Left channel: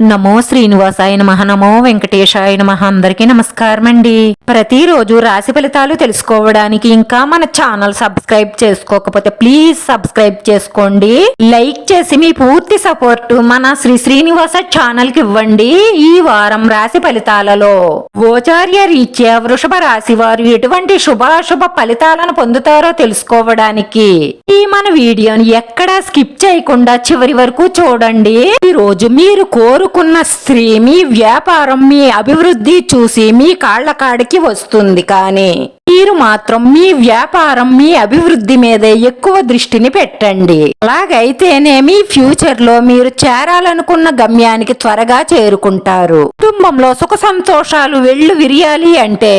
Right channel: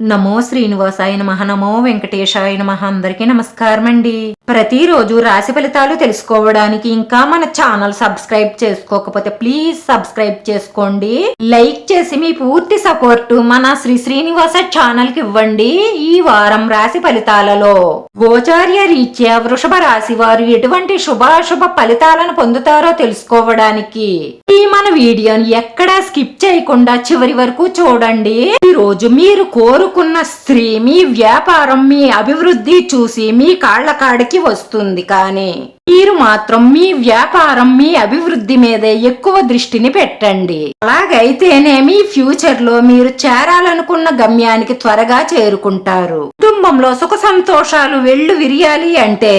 నమో శ్రీనివాసాయ నమః. నమో వెంకటేశాయ నమః. అందరికీ నమస్కారం అండి. ప్రతిరోజు రాశి ఫలితాలు తెలుసుకోవడానికి ఇంకా మన ఛానల్ సబ్స్క్రైబ్ చేసుకోకపోతే ప్లీజ్ సబ్స్క్రైబ్ చేసుకోండి. లైక్ చేసి మీ పూర్తి సపోర్ట్ మన శ్రీనివాస ఛానల్ కి ఇవ్వండి. ఈ వారం రాశి ఫలితాలలో గోచార్య రీత్యా వృషభ రాశి వారు ఎటువంటి శుభాశుభ ఫలితాలను పొందుతారో తెలుసుకోవడానికి ఈ మన వీడియోని ఎక్కడా స్కిప్ చేయకుండా చివరి వరకు చూడండి. ఈ రోజు మీరు కోరుకున్న స్త్రీ మీ వ్యాపారం మీ అభివృద్ధి చూసి మీ కాళ్ల కాడికి వస్తుంది. కానీ మీరు మాత్రం మీ వ్యాపారం మీ అభివృద్ధి మీదే ఎక్కువ దృష్టిని పెట్టండి. అలాగైతేనే మీ ఫ్యూచర్ లో మీరు చేరాలనుకున్న గమ్యానికి త్వరగా చేరుకుంటారు. కుటుంబంలో సుఖ సంతోషాలు వెళ్ళు విరియాలి అంటే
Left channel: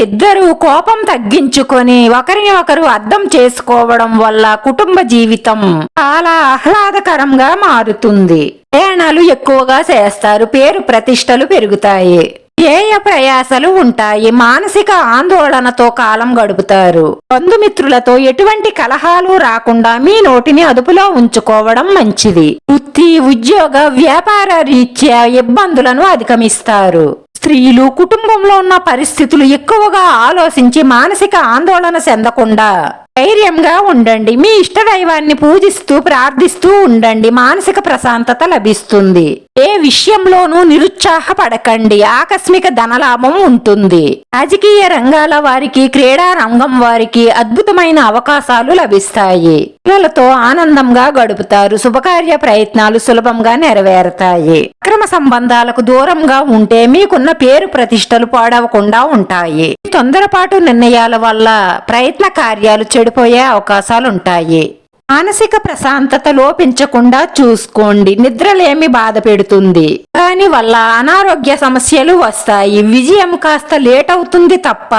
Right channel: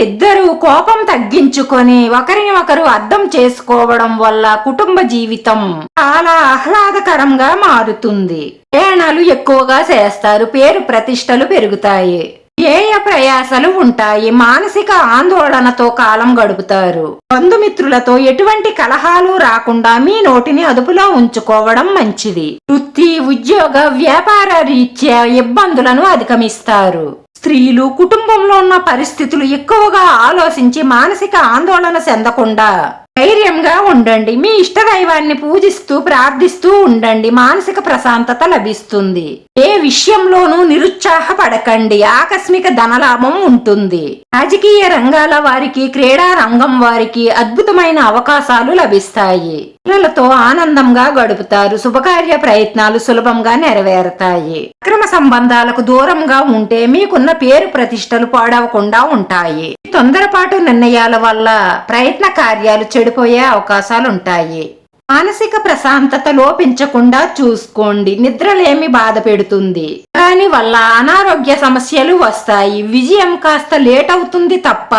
ఇద్దరు కోపం తగ్గించుకొని ఒకరిని ఒకరు అర్థం చేసుకోవడం వల్ల కుటుంబ జీవితం చాలా ఆహ్లాదకరంగా మారుతుంది. ప్రయాణాలు ఎక్కువగా చేస్తారు. పేరు ప్రతిష్టలు పెరుగుతాయి. ధ్యేయ ప్రయాసలు ఉంటాయి. మానసిక ఆందోళనతో కాలం గడుపుతారు. బంధుమిత్రులతో ఎటువంటి కలహాలు రాకుండా మీ నోటిని అదుపులో ఉంచుకోవడం మంచిది. వృత్తి ఉద్యోగ వ్యాపార రీత్యా ఇబ్బందులను అధిగమిస్తారు. స్త్రీలు కుటుంబంలో ఉన్న పరిస్థితులు ఎక్కువగా ఆలోచించి మానసిక ఆందోళన చెందకుండా ధైర్యంగా ఉండండి. మీ ఇష్ట దైవాన్ని పూజిస్తూ ప్రార్థిస్తూ ఉండండి. మానసిక ప్రశాంతత లభిస్తుంది. ఏ విషయంలోనూ నిరుత్సాహపడకండి. ఆకస్మిక ధనలాభం ఉంటుంది. రాజకీయ రంగాల వారికి క్రీడా రంగం వారికి అద్భుతమైన అవకాశాలు లభిస్తాయి. పిల్లలతో ఆనందంగా గడుపుతారు. శుభకార్య ప్రయత్నాలు సులభంగా నెరవేరుతాయి. అక్రమ సంబంధాలకు దూరంగా ఉంటే మీకున్న పేరు ప్రతిష్టలు పాడవకుండా ఉంటాయి. తొందరపాటు నిర్ణయాల వల్ల ప్రయత్న కార్యాలు చెడిపోయే అవకాశాలుంటాయి. మానసిక ప్రశాంతత లోపించకుండా చూసుకోండి. నిద్రలేమి బాధ పెడుతుంది. దాని వల్ల అనారోగ్య సమస్యలు వస్తాయి. విజయం కాస్త లేట్ అవుతుంది తప్ప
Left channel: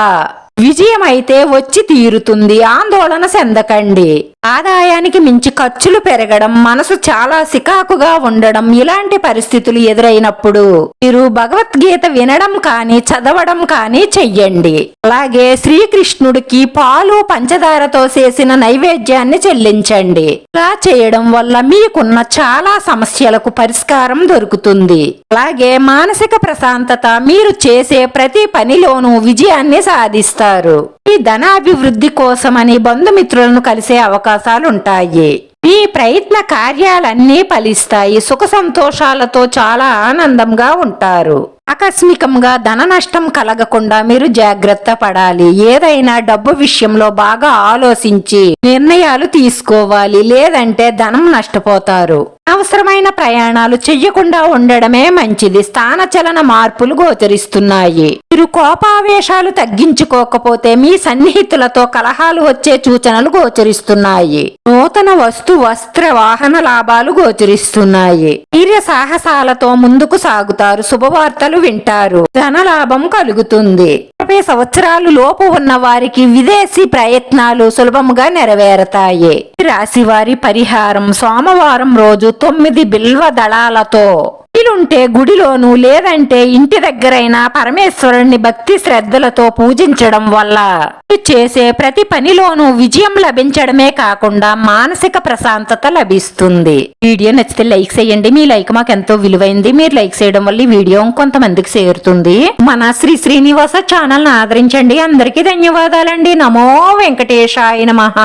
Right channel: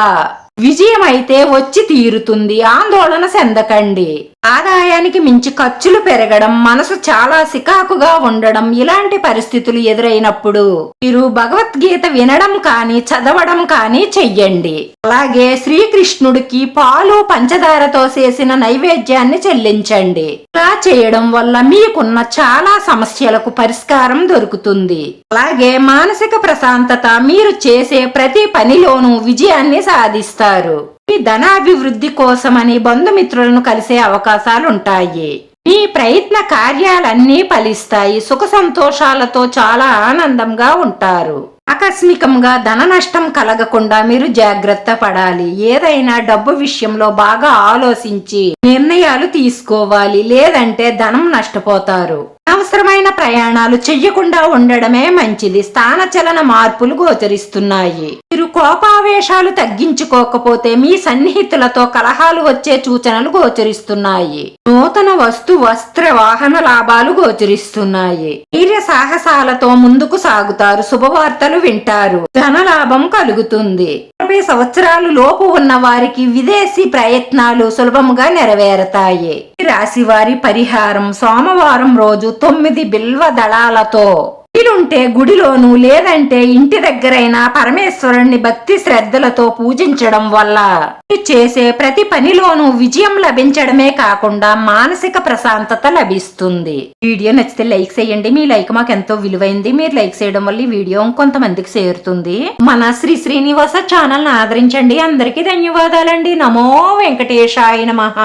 విజయం అయితే వచ్చి తీరుతుంది. ఆందోళన చెందకండి. ఆదాయానికి మించి ఖర్చులు పెరగడం, మనసు చాలా సికాకుగా ఉండడం ఇలాంటి పరిస్థితులు ఎదురైనప్పుడు మీరు భగవద్గీత వినడం కానీ చదవడం కానీ చెయ్యండి. అలాగే శ్రీకృష్ణుడికి పాలు పంచదారతో చేసిన నైవేద్యాన్ని చెల్లించండి. ఇలా చేయడం వల్ల మీకున్న చాలా సమస్యలకు పరిష్కారం దొరుకుతుంది. అలాగే మానసిక ప్రశాంతత మీరు చేసే ప్రతి పనిలోనూ విజయాన్ని సాధిస్తారు. ఈ ధనాభివృద్ధి కోసమని బంధుమిత్రులను కలిసే అవకాశాలుంటాయి. ఈ ప్రయత్న కార్యాలన్నీ ఫలిస్తాయి. సుఖ సంతోషాలతో చాలా ఆనందంగా ఉంటారు. ఆకస్మికంగా ధన నష్టం కలగకుండా మీరు జాగ్రత్త పడాలి. ఏదైనా డబ్బు విషయంలో బాగా ఆలోచించి నిర్ణయాలు తీసుకోవాలి. లేదంటే ధనం నష్టపోతారు. అవసరమైన ప్రయాణాలు చెయ్యకుండా ఉండడమే మంచిది. స్థానచలన మార్పులు గోచరిస్తున్నాయి. మీరు కోపావేశాలు తగ్గించుకోకపోతే మీ సన్నిహితులతో కలహాలు వచ్చే సూచనలు గోచరిస్తున్నాయి. నూతన వస్త్ర వాహన లాభాలు గోచరిస్తున్నాయి. ధైర్య సాహసాలతో ముందుకు సాగుతారు. శుభవార్తలు వింటారు. ధనలాభం కలుగుతుంది. 30 సంవత్సరాలు లోపు ఉన్న వారికి విదేశీ ప్రయత్నాలు సులభంగా నెరవేరతాయి. రాశి వారి పరిహారం సోమవారం రోజు 9 బిల్వ దళాలతో వీలుంటే గుడిలోనూ లేదంటే ఇంటి దగ్గరైనా పరమేశ్వరుణ్ణి భక్తి శ్రద్ధలతో పూజించడం వల్ల చేసే ప్రతి పనిలోనూ విజయం లభించడమే కాకుండా మానసిక ప్రశాంతత లభిస్తుంది. వీడియో నచ్చితే లైక్ చేయండి. మీ లైక్ మాకు ఎంతో విలువైంది. మీరు లైక్ చేయడం వల్ల ఈ వీడియో కొంతమందికి చేరుతుంది. మన శ్రీనివాస ఛానల్ ను ఆదరించండి. అందరికీ ధన్యవాదాలండి. నమో వెంకటేశాయ నమః.